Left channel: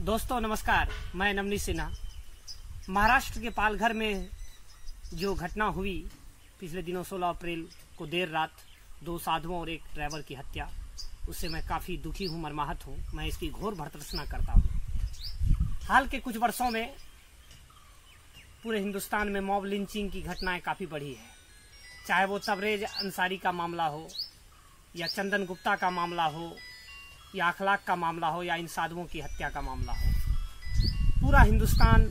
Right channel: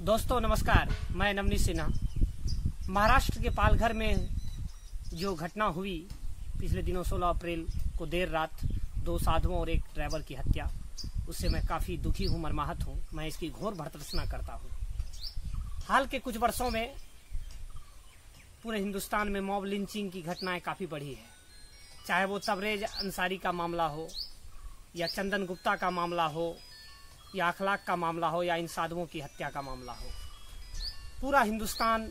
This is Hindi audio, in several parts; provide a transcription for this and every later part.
दोस्तों नमस्कार, मैं नवनीत सिन्हा। महाराष्ट्र के पालघर में जो घटना हुई पिछले दिनों 16 अप्रैल को देर रात 2 साधुओं और एक ड्राइवर की हत्या, उससे मैं काफी दुखी हूं, मर्माहत हूं। मैं इसकी घोर भर्त्सना करता हूं। हाल के कुछ वर्षों में पूरे हिंदुस्तान में मॉब लिंचिंग की घटनाएं काफी बढ़ी है। चाहे वो तबरेज अंसारी का मामला हो या चंदन गुप्ता का मामला हो या अखलाक का मामला हो या इन साधुओं की हत्या का मामला हो, पूरा हिंदुस्तान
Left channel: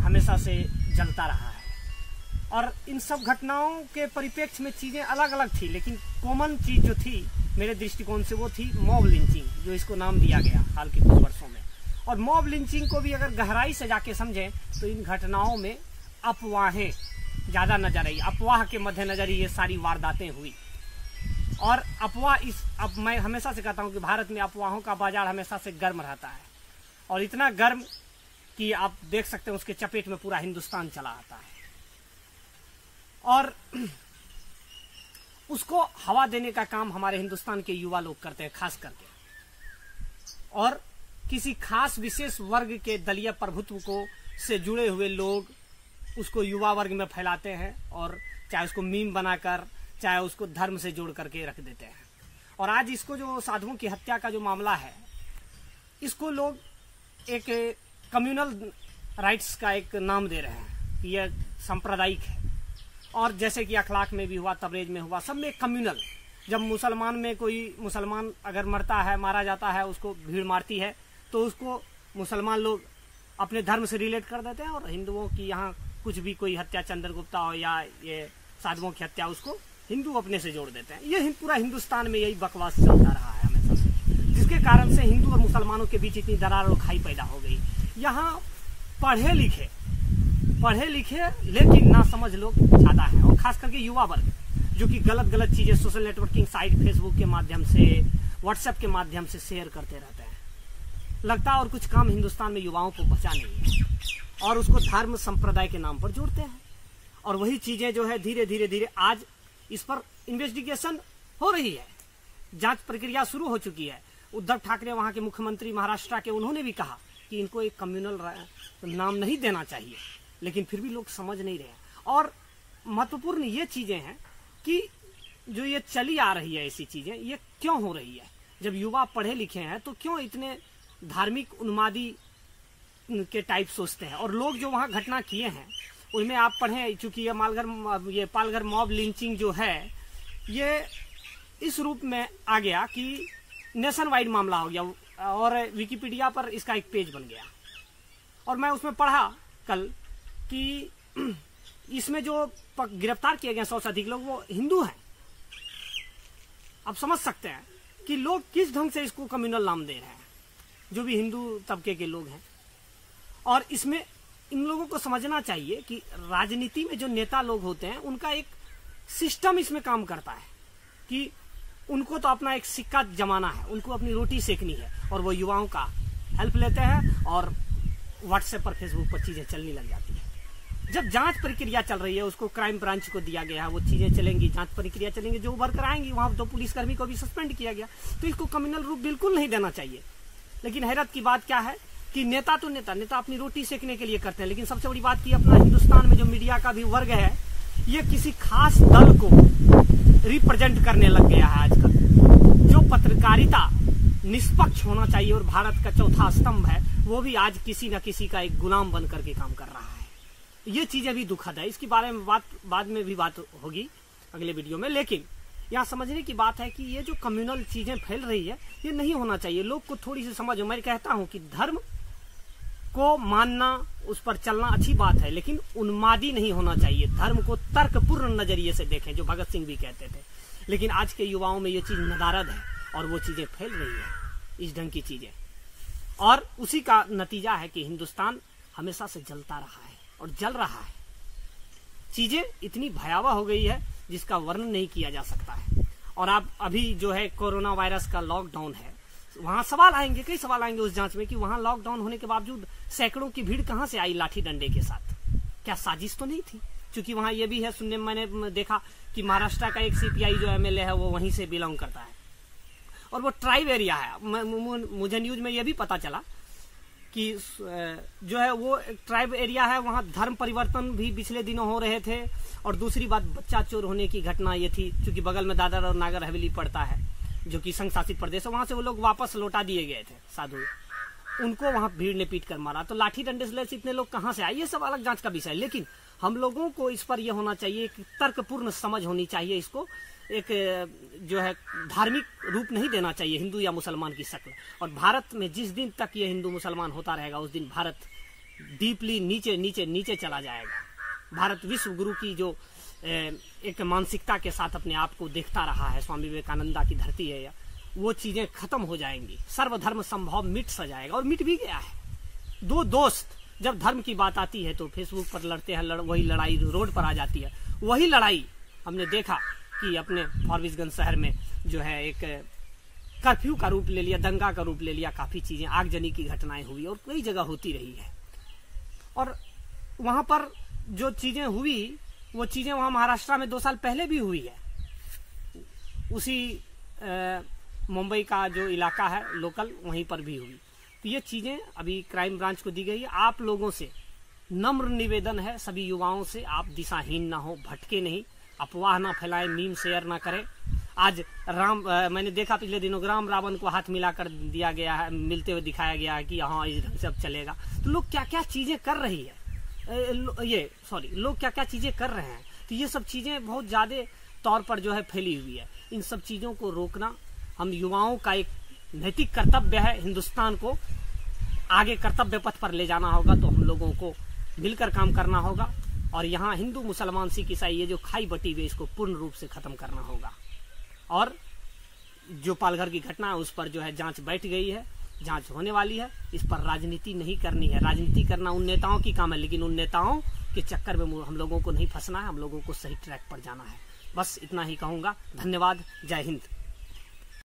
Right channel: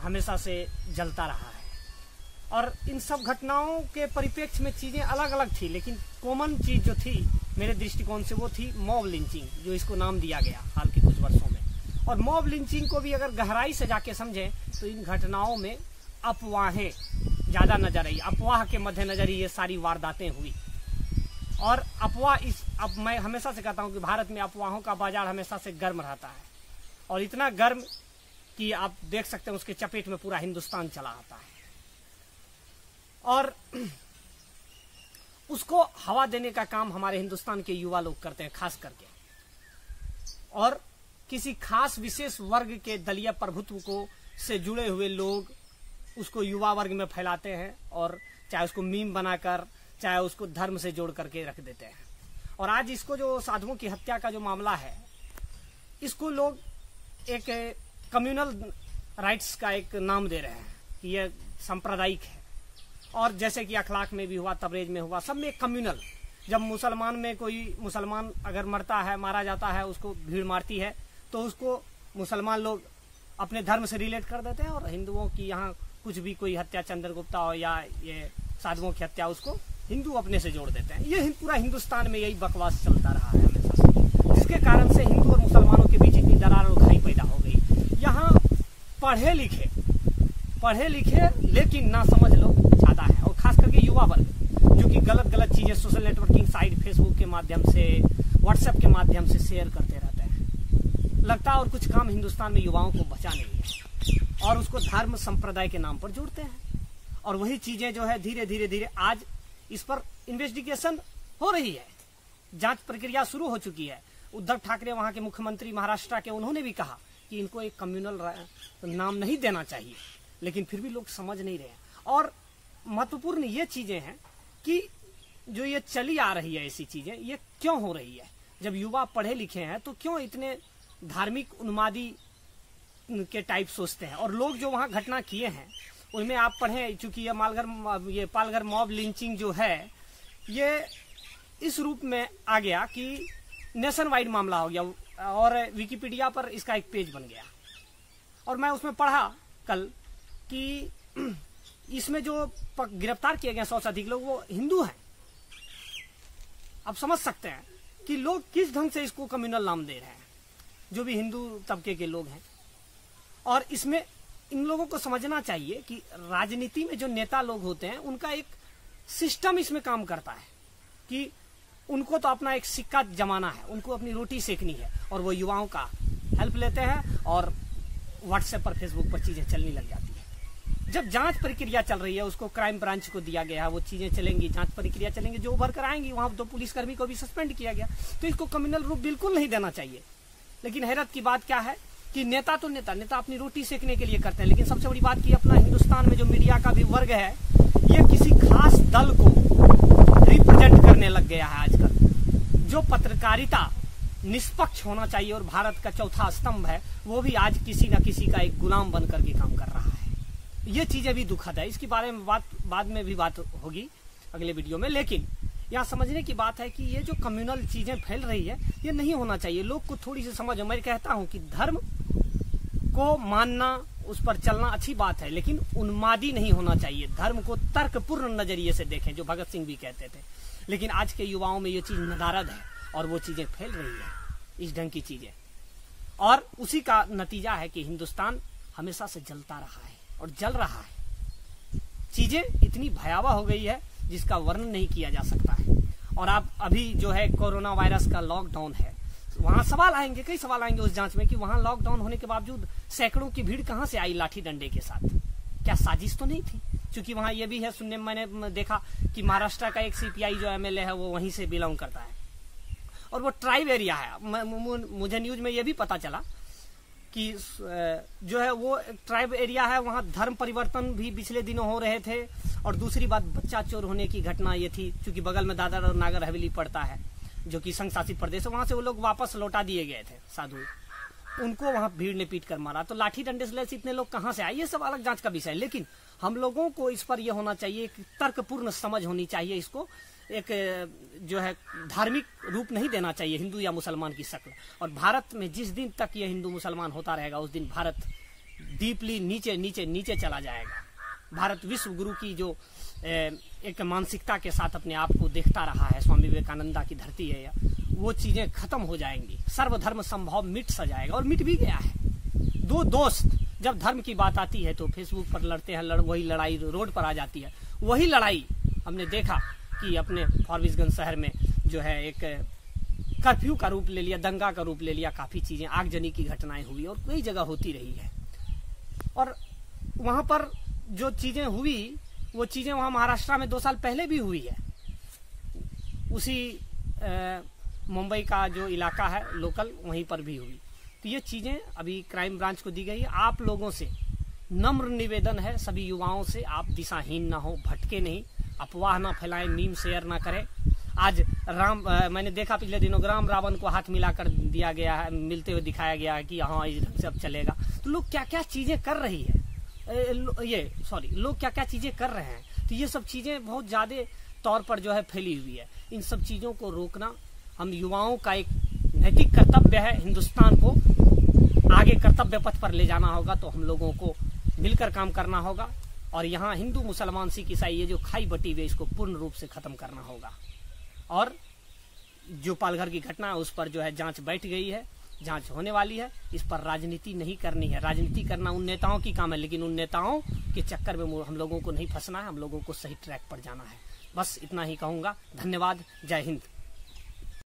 हमेशा से जलता रहा है। और इन सब घटनाओं के परिप्रेक्ष्य में चीजें अलग अलग थी, लेकिन कॉमन चीज जो थी मेरे दृष्टिकोण से वो थी मॉब लिंचिंग, जो इसको नाम दिया गया हाल के कुछ वर्षों में। और मॉब लिंचिंग को भी अगर गहराई से जाके समझें तो इन घटनाओं में अफवाहें ज्यादा नजर आई। अफवाह के मद्देनजर ये सारी वारदातें हुई। और अब मैं हमेशा से कहता हूं कि भारत में अफवाहों का बाजार हमेशा से गर्म रहता है, और इतना गर्म कि आप देख सकते हैं उसके चपेट में पूरा हिंदुस्तान चला आता है। और उसको हवा देने का काम हमारे हिंदुस्तान के युवा लोग करते हैं, खास करके। और किसी खास विशेष वर्ग के दलीय प्रभुत्व को से जुड़े हुए लोग उसको युवा वर्ग में फैलाते हैं, और चाहे उसको मीम बनाकर चाहे उसको धर्म से जोड़ करके रख देते हैं। और आज इसको जो साधुओं की हत्या का जो मामला है, इसको लोग एक कम्युनल राइट्स का एक नाम दे रहे हैं कि यह सांप्रदायिक है। और जैसे कि अखलाक में भी हुआ, तबरेज में हुआ, सब में कम्युनल। जब मुसलमान में कोई मुसलमान अगर मरता है, मारा जाता है, उसको भीड़ मारती है, तो उसको मुसलमान लोग अपने धर्म से रिलेट कर देते हैं। और हिंदुओं की यहाँ कुछ भी कोई हत्या, चंद्र गुप्ता हो या ये साधुओं की हत्या, उसको हिंदू अपने से जोड़ देते हैं। ये पूरा हिंदुस्तान में यही बकवास चलता रहा है हमेशा से, जिसके कारण से हिंदू और मुसलमानों के बीच इतनी दरार और खाई पैदा हो गई। यहाँ पढ़े लिखे लेकिन ना समझ लोग ज्यादा है, और खास करके युवा वर्ग, जो कि गलत चीजें सोशल नेटवर्किंग साइट, फेसबुक के माध्यम से, व्हाट्सएप के माध्यम से शेयर करते रहते हैं। लगता है और कुछ काम हिंदुस्तान में युवाओं को बचा नहीं है, और उसको धर्म संप्रदाय के नाम पर जोड़ते हैं। और वही चीजें जो है धीरे धीरे आज इस पर इन्वेस्टिगेशन हो रही है, जांच प्रक्रिया शुरू हो चुकी है। उद्धव ठाकरे वहां के मुख्यमंत्री महाराष्ट्र के, उन्होंने भी कहा कि इनको एक कम्युनल नाम नहीं देना चाहिए, लेकिन फिर भी लोग समझ नहीं रहे। और महत्वपूर्ण ये चीजें हैं कि जो ये चली आ रही है, ऐसी चीजें ये क्यों हो रही है। जब युवा पढ़े लिखे हैं तो क्यों इतने धार्मिक उन्मादी के टाइप सोचते हैं। और लोग जो वहां घटना किए हैं उनमें आप पढ़ें, चूंकि ये पालघर मॉब लिंचिंग जो है, ये इस रूप में आ गया कि नेशन वाइड मामला हो गया, और विकिपीडिया पर इसका एक पेज बन गया। और मैं उसमें पढ़ा कल कि इसमें जो गिरफ्तार किए गए 100 से अधिक लोग, वो हिंदू हैं। आप समझ सकते हैं कि लोग किस ढंग से इसको कम्युनल नाम दे रहे हैं, जो भी हिंदू तबके के लोग हैं। और इसमें इन लोगों को समझना चाहिए कि राजनीति में जो नेता लोग होते हैं, उनका एक सिस्टम इसमें काम करता है कि उनको तो अपना एक सिक्का जमाना है, उनको अपनी रोटी सेकनी है, और वो युवाओं का हेल्प लेते हैं, और व्हाट्सएप पर, फेसबुक पर चीजें चलने लग जाती है। जब जांच प्रक्रिया चल रही है, उसको क्राइम ब्रांच को दिया गया है, वो चीजें चलेंगी, जांच प्रक्रिया चलेंगी, जो उभर कर आएंगी। वहां 2 पुलिसकर्मी को भी सस्पेंड किया गया, तो इसको कम्युनल रूप बिल्कुल नहीं देना चाहिए। लेकिन हैरत की बात क्या है कि नेता अपनी रोटी सेकने के लिए करते हैं, लेकिन सबसे बड़ी बात कि अपना हिंदुस्तान में जो मीडिया का भी वर्ग है, ये किसी खास दल को रिप्रेजेंट करने लग गया है आजकल। जो पत्रकारिता निष्पक्ष होना चाहिए और भारत का चौथा स्तंभ है, वो भी आज किसी न किसी का एक गुलाम बन करके काम कर रहा है। ये चीजें भी दुखद है। इसके बारे में बाद में भी बात होगी अगले वीडियो में। लेकिन यहाँ समझने की बात है कि ये जो कम्युनल चीजें फैल रही है, ये नहीं होना चाहिए। लोग को थोड़ी सी समझ हो। मैं कहता हूं कि धर्म को मानना, उस पर चलना अच्छी बात है, लेकिन उन्मादी नहीं होना चाहिए। धर्म को तर्कपूर्ण नजरिए से देखें, जो भगत सिंह भी कहते थे। लेकिन आज के युवाओं में ये चीज नदारद है, और वो चीजें फैल रही है, इस ढंग की चीजें। और उसी का नतीजा है कि हिंदुस्तान हमेशा से जलता रहा है और जल रहा है। चीजें इतनी भयावह हो गई है जिसका वर्णन नहीं किया जा सकता है। और आप अभी जो है कोरोना वायरस का लॉकडाउन है, वहां सवाल आएंगे, कई सवाल आएंगे उस जांच में कि वहां लॉकडाउन होने के बावजूद सैकड़ों की भीड़ कहां से आई लाठी डंडे के साथ। क्या साजिश तो नहीं थी? क्योंकि वहां ये भी है, सुनने में मैंने देखा कि महाराष्ट्र का एक सीपीआई जो एमएलए है, वो वहीं से बिलोंग करता है, और वो ट्राइब एरिया है। मुझे न्यूज में ये भी पता चला कि जो है वो ट्राइब एरिया है, वहां धर्म परिवर्तन भी पिछले दिनों हो रहे थे। और दूसरी बात, बच्चा चोर होने की घटना ये थी, क्योंकि बगल में दादर और नागर हवेली पड़ता है जो कि संघ शासित प्रदेश है, वहां से वो लोग वापस लौटा दिए गए थे साधु, उनको वहां भीड़ ने पीट कर मारा। तो लाठी डंडे से इतने लोग कहां से आए, ये सब अलग जांच का विषय है। लेकिन हम लोगों को इस पर यह होना चाहिए कि तर्कपूर्ण समझ होनी चाहिए, इसको एक जो है धार्मिक रूप नहीं देना चाहिए हिंदू या मुसलमान की शक्ल। और भारत में जिस दिन तक ये हिंदू मुसलमान होता रहेगा उस दिन भारत डीपली नीचे नीचे नीचे चला जाएगा। भारत विश्व गुरु की जो एक मानसिकता के साथ अपने आप को देखता रहा है, स्वामी विवेकानंदा की धरती है, वो चीजें खत्म हो जाएंगी। सर्वधर्म संभव मिट सा जाएगा, और मिट भी गया है। दो दोस्त जब धर्म की बात आती है तो फेसबुक पर लड़ते हैं, वही लड़ाई रोड पर आ जाती है। वही लड़ाई हमने देखा कि अपने फारबिसगंज शहर में जो है एक कर्फ्यू का रूप ले लिया, दंगा का रूप ले लिया, काफी चीजें आगजनी की घटनाएं हुई और कई जगह होती रही है। और वहां पर जो चीजें हुई वो चीजें वहां महाराष्ट्र में 2 साल पहले भी हुई है। उसी मुंबई का जो इलाका है लोकल, वहीं पर भी हुई। तो ये चीजें अभी क्राइम ब्रांच को दी गई है। आप लोगों से नम्र निवेदन है, सभी युवाओं से, आप दिशाहीन ना हो, भटके नहीं, अफवाह ना फैलाएं, मीम शेयर ना करें। आज मैंने देखा पिछले दिनों राम रावण को हाथ मिलाकर दिया गया है, मिलते हुए दिखाया गया है कि हाँ इस ढंग से अब चलेगा। तो लोग क्या क्या चीजें कर रही है, लोग क्या क्या चीजें कर रहे हैं। तो ये सब चीजें बहुत ज्यादा तौर पर जो है फैली हुई है। इन सब चीजों को रोकना हम युवाओं का एक नैतिक कर्तव्य है। हिंदुस्तान को आगे कर्तव्य पथ पर ले जाना होगा तो हम लोगों को मिलकर काम करना होगा। और यहाँ हिंदू मुसलमान सिख ईसाई ये जो खाई बटी हुई इसको पूर्ण रूप से खत्म करना होगा। और जो पालघर की घटना है उस पर जो है जांच बैठ गई है, जांच होने वाली है। इस पर राजनीति नहीं करनी है। राजनीति करना उन नेताओं की काम है, लेकिन उन नेताओं के चक्कर में हम लोगों को नहीं फंसना है, हम लोगों को सही ट्रैक पर जाना है। बस इतना ही कहूंगा। धन्यवाद। जय हिंद।